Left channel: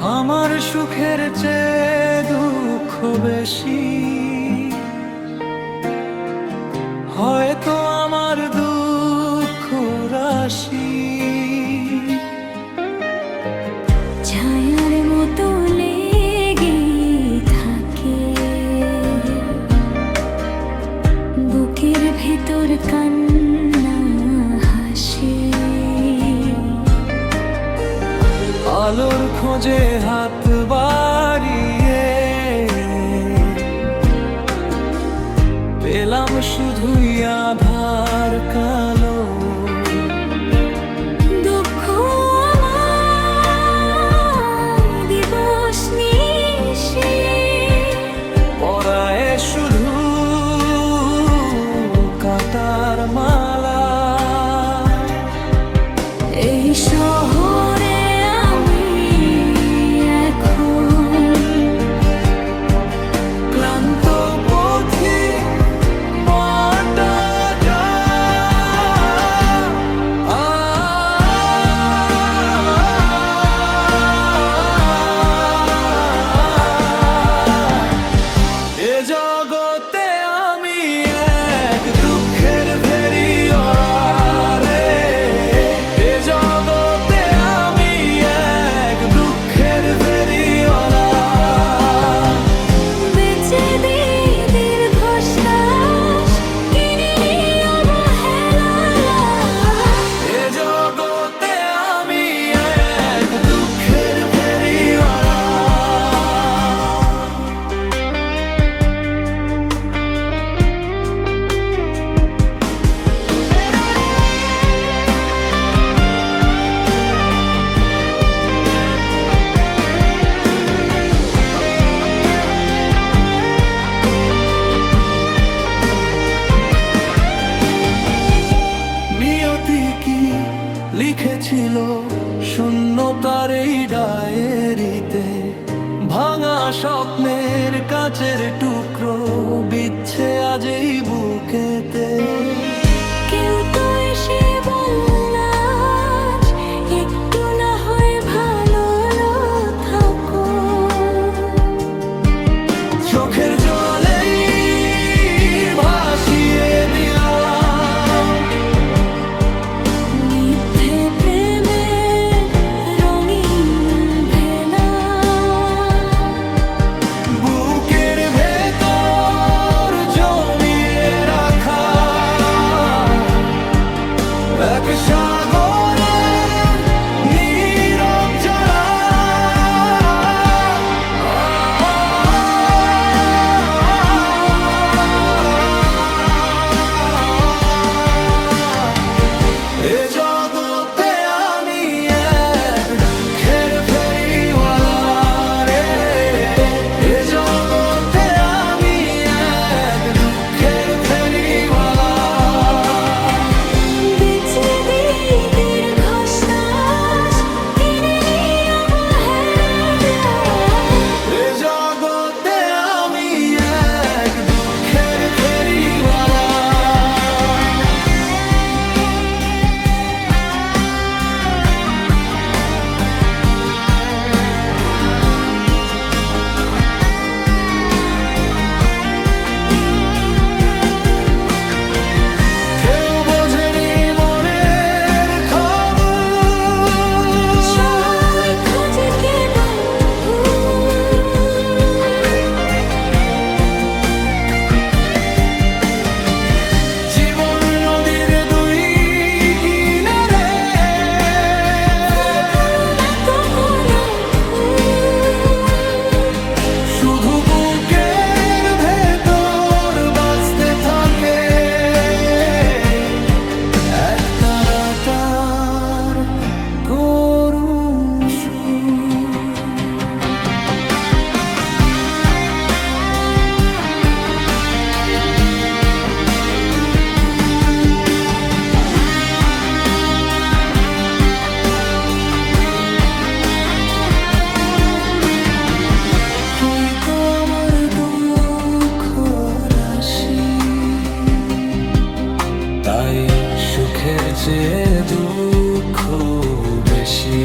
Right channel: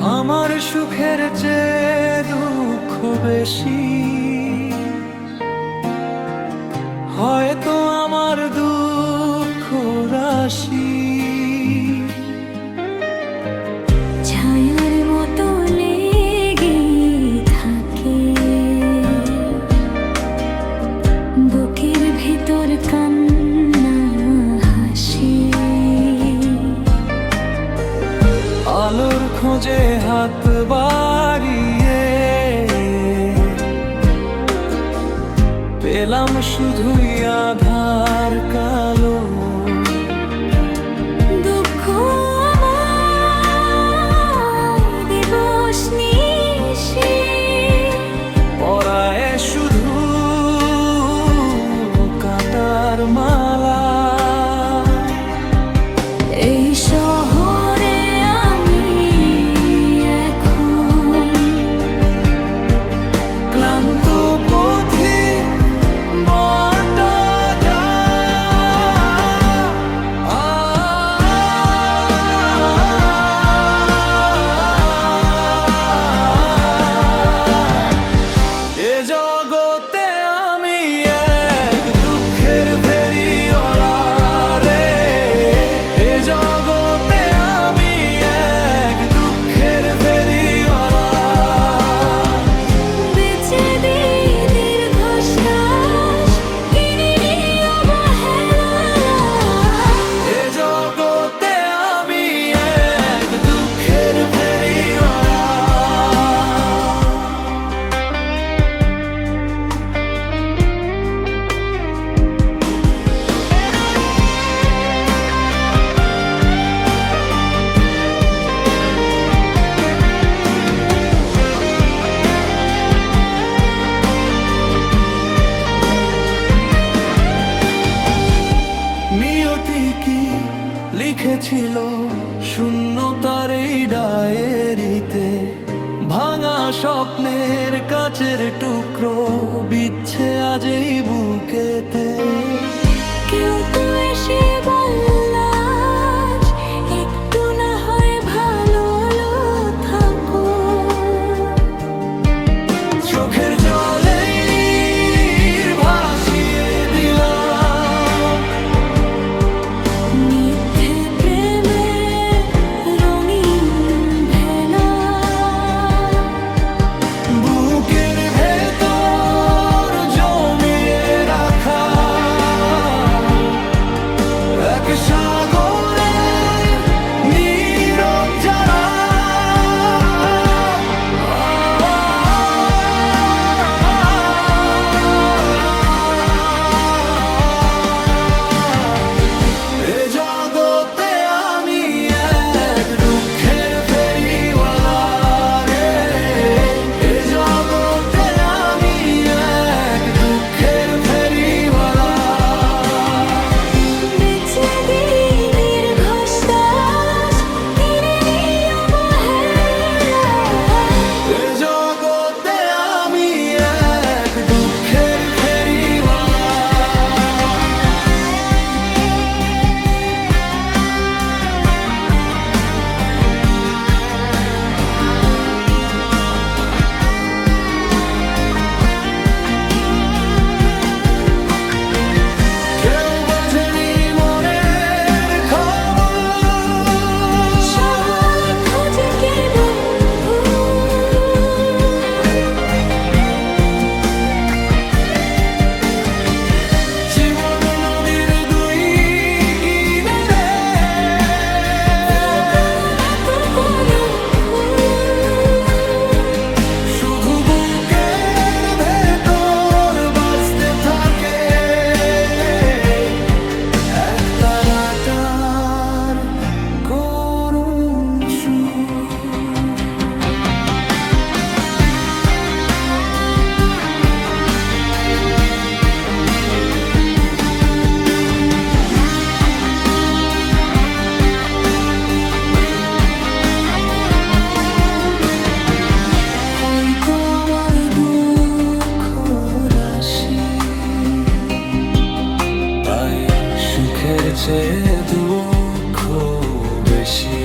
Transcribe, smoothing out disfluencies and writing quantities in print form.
আমার সুখের চেয়ে দুঃখ বেশি, হয়তো আমার দুঃখ রাশি ছায়ার মতো লেগে থাকে বুকের ভেতর কান্না হাসি। আলোর খোঁজে হাত বাড়িয়ে পেলাম শুধুই আধার কালো। দুঃখ আমায় দিবস নিশি পরায় শুধু কাটার মালা। এই শহরে আমি এখন ক্লান্ত পথিক বাটা যায়। এ জগতে আমি এক দুঃখের ফেরিওয়ালা রে। এ জগতে আমি এক দুঃখের ফেরিওয়ালা। বেঁচে দিই দীর্ঘশ্বাস কিনে নিই অবহেলা। এ জগতে আমি এক দুঃখের ফেরিওয়ালা। নিয়তি কি লিখেছিল শূন্যতার এই ডায়েরিতে? ভাঙা স্বপ্নের কাচের টুকরো বিচ্ছে আজ এই বুকেতে। কেউ তো এসে বলল আজ একটু না হয় ভালো থাকো। চোখের জলেই ভাসিয়ে দিলাম মিথ্যে প্রেমে রঙিন ভেলা। বুকের ভেতর জমিয়ে রাখা এক সাগরের নীরব জ্বালা। এ জগতে আমি এক দুঃখের ফেরিওয়ালা রে। এ জগতে আমি এক দুঃখের ফেরিওয়ালা। বেঁচে দিই দীর্ঘশ্বাস কিনে নিই অবহেলা। এ জগতে আমি এক দুঃখের ফেরিওয়ালা। কেউ বোঝেনি মনের খবর, সবাই খোঁজে কেবল ভুল। জীবন নদীর দুই কিনারে না তো কোনো ভুল। শুধু বুকের ভেতর বাজতে থাকে এক তারাটার করুণ সুর। হয়তো আমার দুঃখ রাশি, তাই সুখের চেয়ে দুঃখ বেশি।